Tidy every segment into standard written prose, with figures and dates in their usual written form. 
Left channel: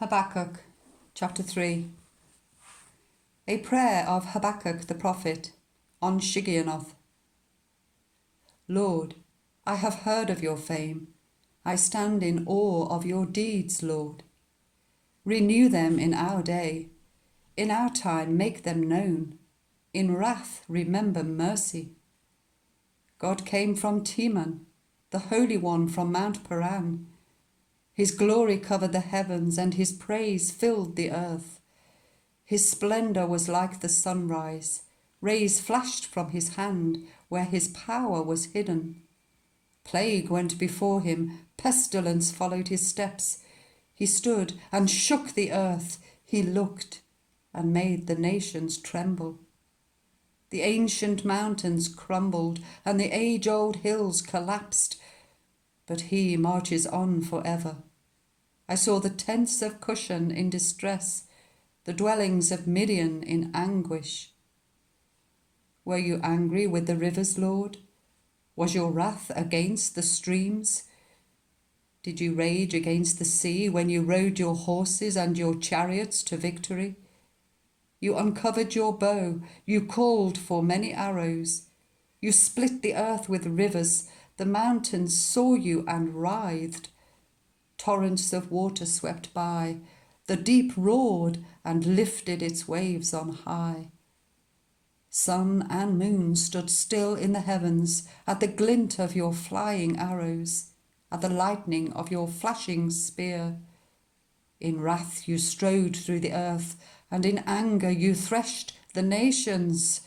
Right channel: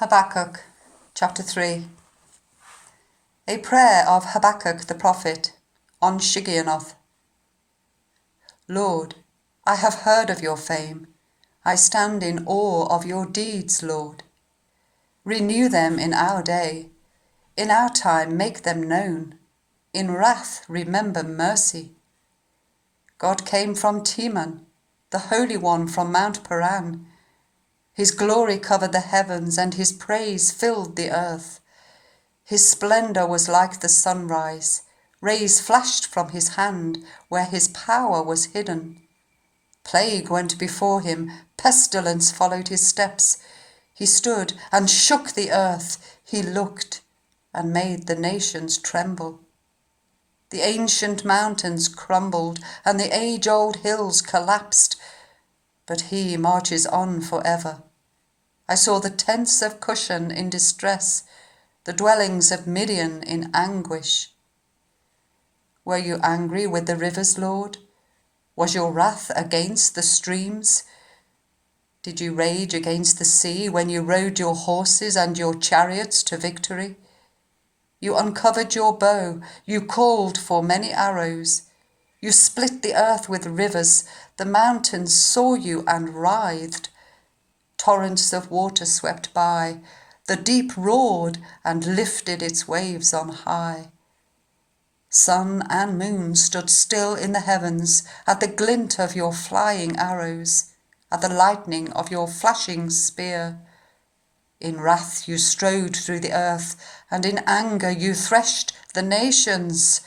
Habakkuk, chapter 3. A prayer of Habakkuk the prophet on Shigionoth. Lord, I have heard of your fame. I stand in awe of your deeds, Lord. Renew them in our day. In our time make them known. In wrath remember mercy. God came from Teman, the Holy One from Mount Paran. His glory covered the heavens, and his praise filled the earth. His splendor was like the sunrise. Rays flashed from his hand where his power was hidden. Plague went before him, pestilence followed his steps. He stood and shook the earth. He looked and made the nations tremble. The ancient mountains crumbled, and the age-old hills collapsed. But he marches on forever. I saw the tents of Cushan in distress, the dwellings of Midian in anguish. Were you angry with the rivers, Lord? Was your wrath against the streams? Did you rage against the sea when you rode your horses and your chariots to victory? You uncovered your bow, you called for many arrows. You split the earth with rivers, the mountains saw you and writhed. Torrents of water swept by, the deep roared and lifted its waves on high. Sun and moon stood still in the heavens at the glint of your flying arrows, at the lightning of your flashing spear. In wrath you strode through the earth, and in anger you threshed the nations.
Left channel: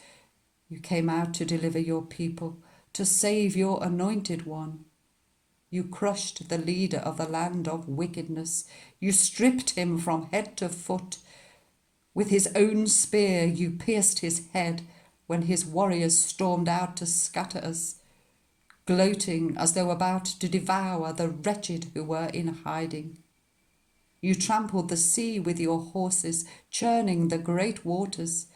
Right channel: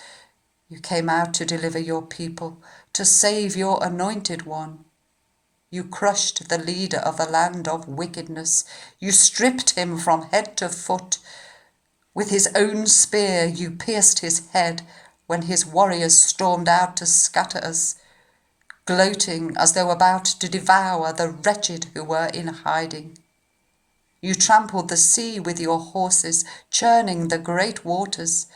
You came out to deliver your people, to save your anointed one. You crushed the leader of the land of wickedness. You stripped him from head to foot. With his own spear you pierced his head when his warriors stormed out to scatter us, gloating as though about to devour the wretched who were in hiding. You trampled the sea with your horses, churning the great waters.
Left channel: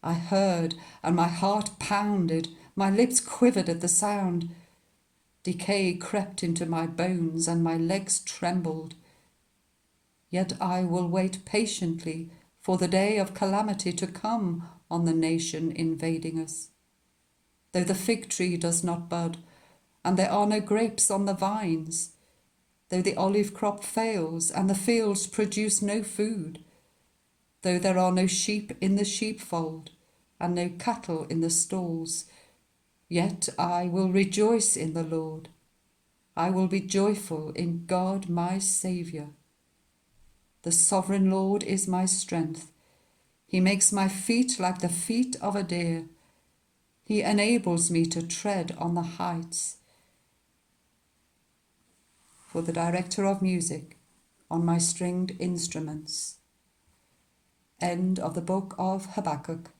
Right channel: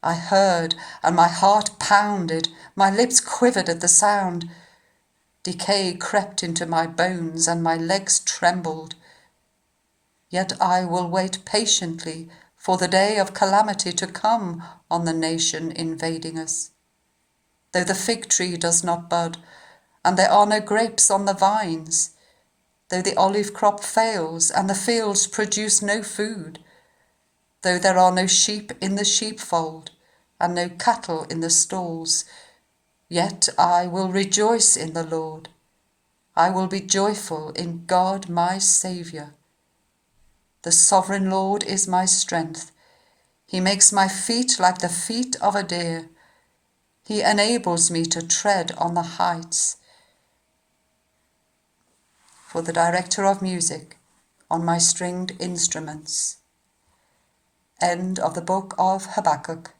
I heard, and my heart pounded, my lips quivered at the sound. Decay crept into my bones, and my legs trembled. Yet I will wait patiently for the day of calamity to come on the nation invading us. Though the fig tree does not bud, and there are no grapes on the vines, though the olive crop fails, and the fields produce no food, though there are no sheep in the sheepfold, and no cattle in the stalls, yet I will rejoice in the Lord. I will be joyful in God my Saviour. The sovereign Lord is my strength. He makes my feet like the feet of a deer. He enables me to tread on the heights. For the director of music on my stringed instruments. End of the book of Habakkuk.